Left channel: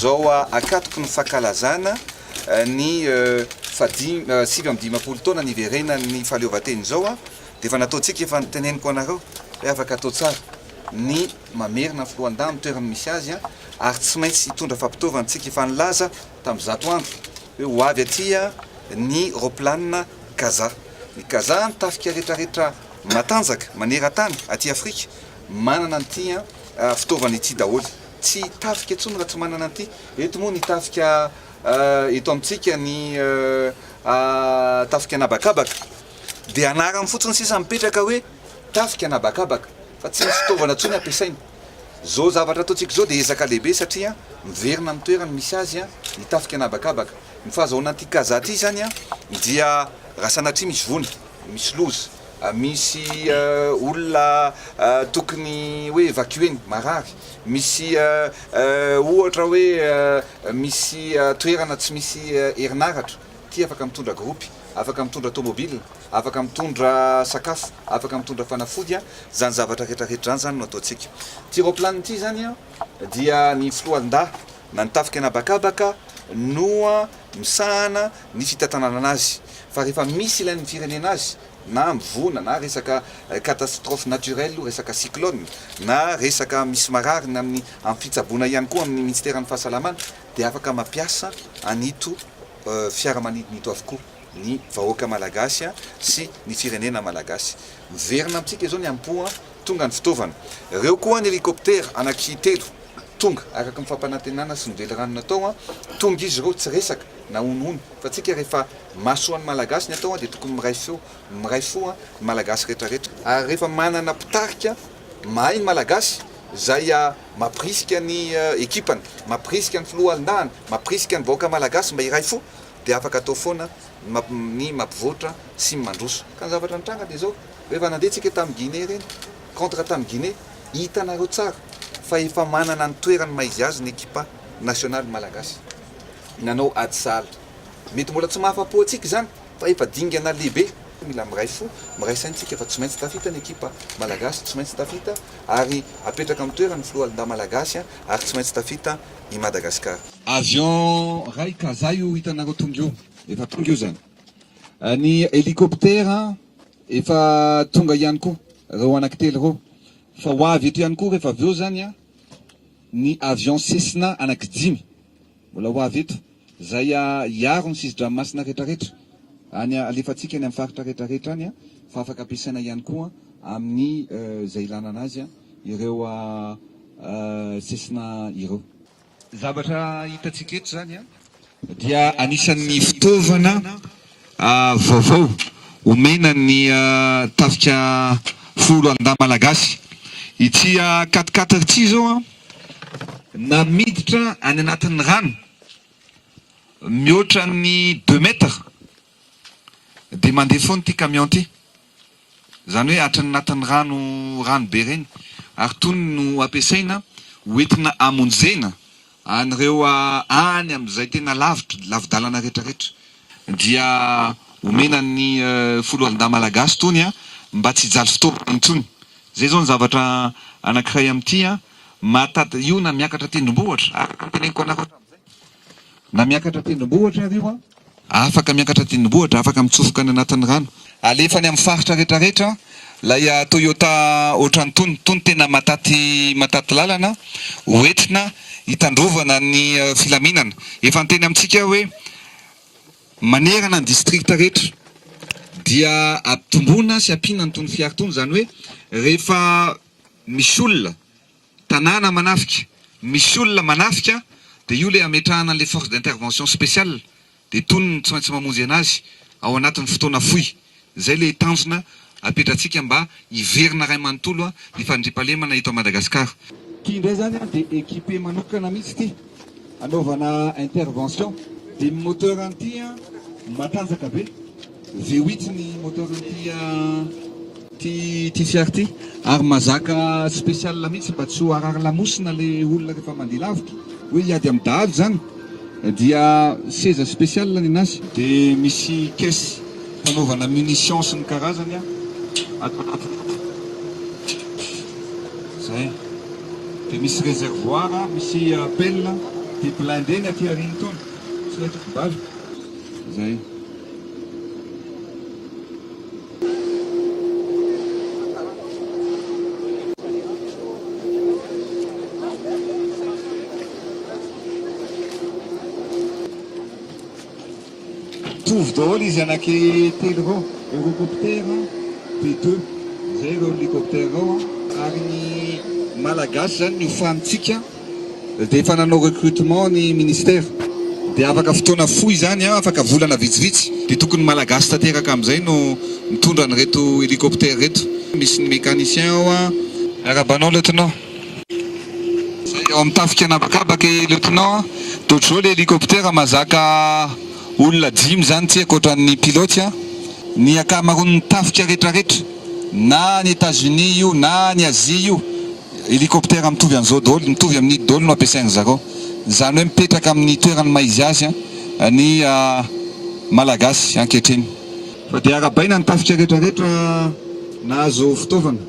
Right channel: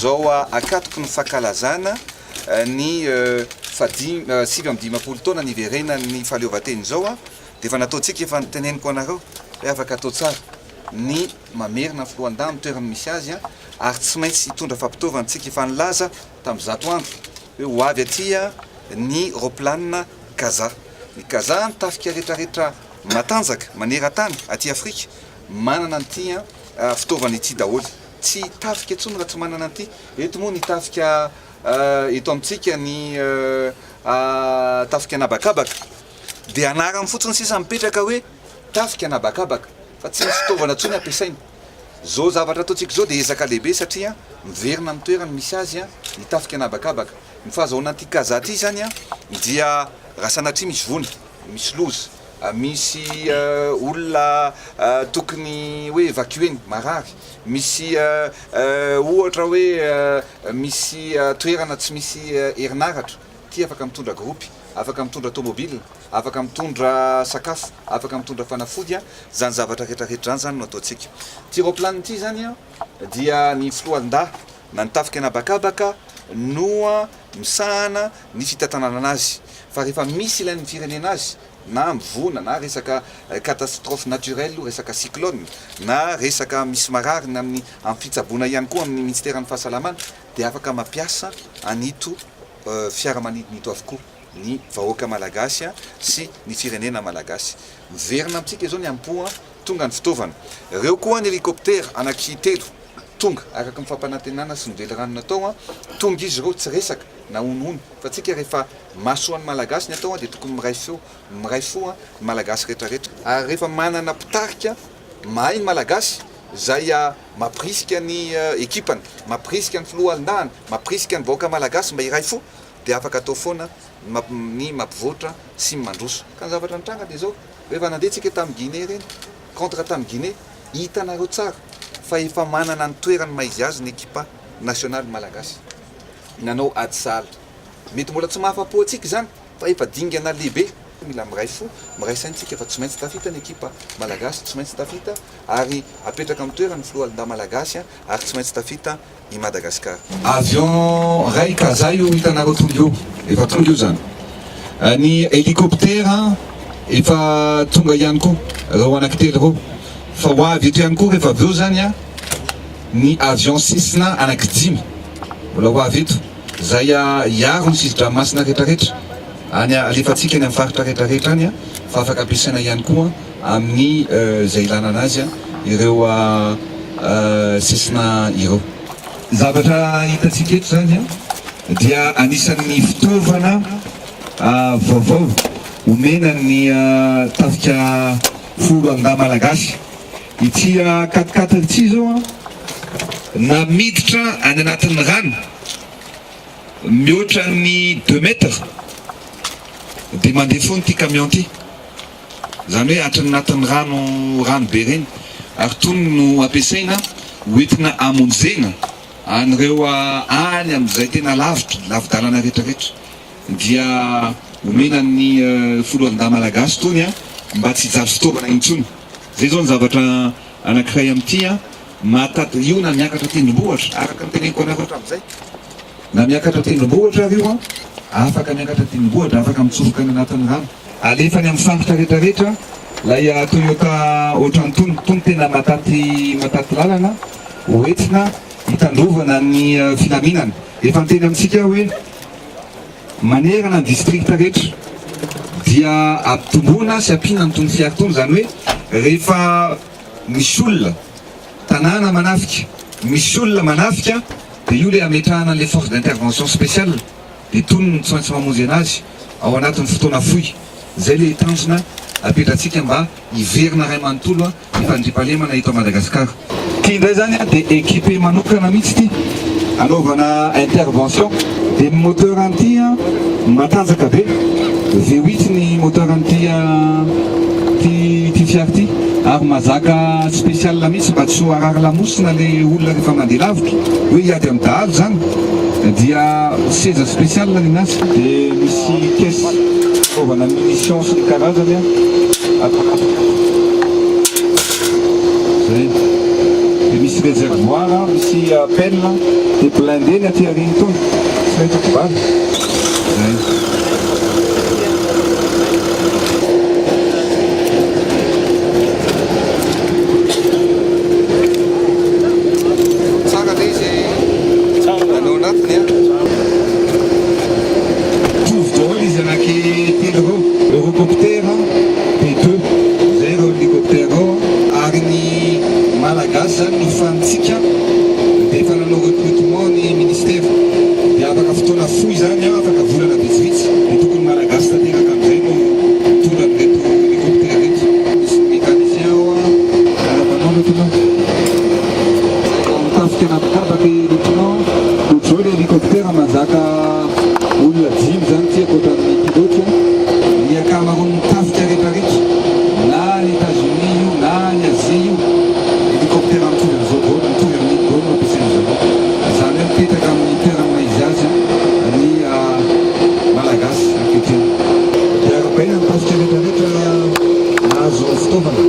zao akatoko ny fankalazana ny 7 taona niverena ny fahaleovan-teny zao dia efa nataontsika efa niteneniko anareo hoe afaka atao tsara ny mamerina filohan-dà ny toerana misy azy ary tsy maintsy hitondra fampitaovantsika efa nilaza tamin'ny 100 andro hoe ho avy aty ny roplanina Kaza. Ny Kaza nitafika rehetrarehetra matanjaka maneran-tany aty Afrika manana an'ity fitaovana ity daholo. Tsy tafika intsony raha tsy manana an'ity. Eto moa ny tafika eto amintsika ny tafika anabakabaka dia anarany fotsiny sisa mipetraka hoe tafika anabakabaka fa tsy misy fitaovana intsony ampiasaina. Zao zavatra ataontsika zao dia ezaka lehibe satria miverina amin'ny toerana misy azy ny tafika anabakabaka. Ny fahazahoana an'ity Kaza ity zany dia raha sanatria misy vony, misy loza, misy olona tokony hoe evacueny marary, misy ohatra hoe misy toerana tsy misy herinaratra, ty afaka mitondra gropy, afaka mitondra tomobile, afaka mitondra sakafo, afaka mitondra fanafody zany zavatra rehetrarehetra zany no ataontsika. Ty roplanina ity zany dia ny filohan-dà na nitafika anabakabaka no misahana ny fitantanana anazy. Fa rehefa misy ilain'ny firenena azy na mivona na resaka catastrophe naturelle, resaka cyclone na resaka misy marary na amin'ny fitsaboana ihany koa amin'ny ministère ny fahasalamana dia afaka mampiasa anito fiaramanidina ito avokoa ny vahoaka malagasy sy ny firenena malagasy. Miverina amintsika izao ny ampoa tonga ny fitaovana. Ireo koa ny hélicoptère anaky 3 tonga araka mifampanantenana sy nively rano natao tonga izy ireo tsy resaka na onono fa tsika rehefa masoan'ny malagasy ny atao dia tokony miray fo malagasy rehetrarehetra. Ary rehefa manana mpitarika mahay ny malagasy zay mampirisika ny ekipany, mampirisika ny filohan-dàna, mampirisika ny vahoaka malagasy mba iray fo dia afaka atao foana ny mampivoatra sy mandroso. Ka ny zavatra nitranga dia zao rehefa nandehantsika tamin'ny Guinée reny contre tamin'ny Guinée hitanareo tsara fa efa manana ny toerany maizy azy ny ekipa nationale malagasy. Nanao ady sahala. Mety mbola tsy mahafa-po antsika zany fa efa dingana lehibe. Mila miray fo, miray saintsika fa tsy maintsy tafita ny ekipa malagasy, tsy maintsy tafita ary apetraka amin'ny toerany filohan-dà malagasy ary tsy maintsy tafita i Madagasikara. Avion ray Kaza io hitanareo tonga eo, efa tonga io zany. Ny hélicoptère efa tonga ihany koa, reo anankitelo reo. Fa ho avy eto ihany koa rehefa avy eo zany ny avion Cessna anankidimy mbola ho avy eto zay hiaro ny sisin-dranomasina rehetrarehetra any alefatsika ny amin'ny faritra rehetrarehetra any fa afaka ampiasaina ihany koa amin'ny zay ilana anazy ireo Cessna ireo. Zavatra hitantsika eto zany dia anisan'ny fitaovana vaovao omena ny tafika filohan-dà malagasy. Ity 4x4 ity zao na miditra any anatin'ny rano mihoatra ny 2 mètres dia mandeha foana ity camion ity, zany hoe atrany anatin'ny rano be reny ary tony no ampiasaina hoentina amonjena an'ireo any amin'izay tena lavidalana rehetrarehetra dia omena ny filohan-dà malagasy tony mba tsy hijaly fitaovana intsony. Zay zao ny zavatra anankiray amin'ity mahatata io na miakatra tendrombohitra araka ny teneniko anareo hatramin'izay. Na miakatra tendrombohitra io afaka miakatra tendrombohitra, afaka mitsofoka any anatin'ny rano. Alefany amin'ny faritra rehetrarehetra lay Toyota ohatran'ny tony tena mataty lalana hoentina hitandrovana ny filaminana. Efa niteny amintsika hoe manerana ny district rehetra dia ampitomboana sy ampiana ny tony fiara tony, zany hoe rehefa misy olona tanàna manafika, misy olona manafika dia io le ametrahana an'ilay force d'intervention spéciale dia tony tsy maintsy mamonjy anazy ao anatin'ny fotoana fohy. Zay le tanjona apetratsika mba hiverina ray manontolo ny fandriampahalemana eto Madagasikara. Ty indray zany dia équipe manokana mihitsy ty anaovana intervention dia moteur an'ity matanjaka be V8 ny moteur an'ity ty fiara ty ary mazaka spécial mihitsy mba tsy ho arary lamosina le olona rehefa mandeha lavitra hoe hiady amin'ny dahalo zany dia seza spécial nenazy dia misy caisse anaovana munition sy ny karazany zay dia misy misy réservoir, misy pelle, dia blindé ny aty aoriana tony. Tsy maintsy kobany. Zay. Tsara ilay izy anao anatiny a. Mitovy daholo izy anankitelo reo. Eurocoptera P2. Zay reo hélicoptère reo. Ary ny malagasy zany no fahantsika dia efa nanao recrutement ny ministère. Dia afaka fotoana fohy zany afaka volana vitsivitsy. Dia tokony malagasy tanteraka amin'izay no mitondra an'ireto hélicoptère reto. Misy ny mécanicien ao a, miarabanao lieutenant. Eo amin'ny tafika anabakabaka lieutenant. Dia ohatr'izao ilay hélicoptère mazaka olona 5 zany tsy ankoatran'ny pilote. Ny akamaroan'ny tafika rehetrarehetra na ny États-Unis io na ny Asie io, hélicoptère mitovy amin'izao daholo, mitovy amin'ny daholo no ampiasainy zareo. Izany hoe mipetraka amin'ny toerany maizy azy ny malagasy ankehitriny. Dia arabaina ny tafika rehetrarehetra nahazo fitaovana.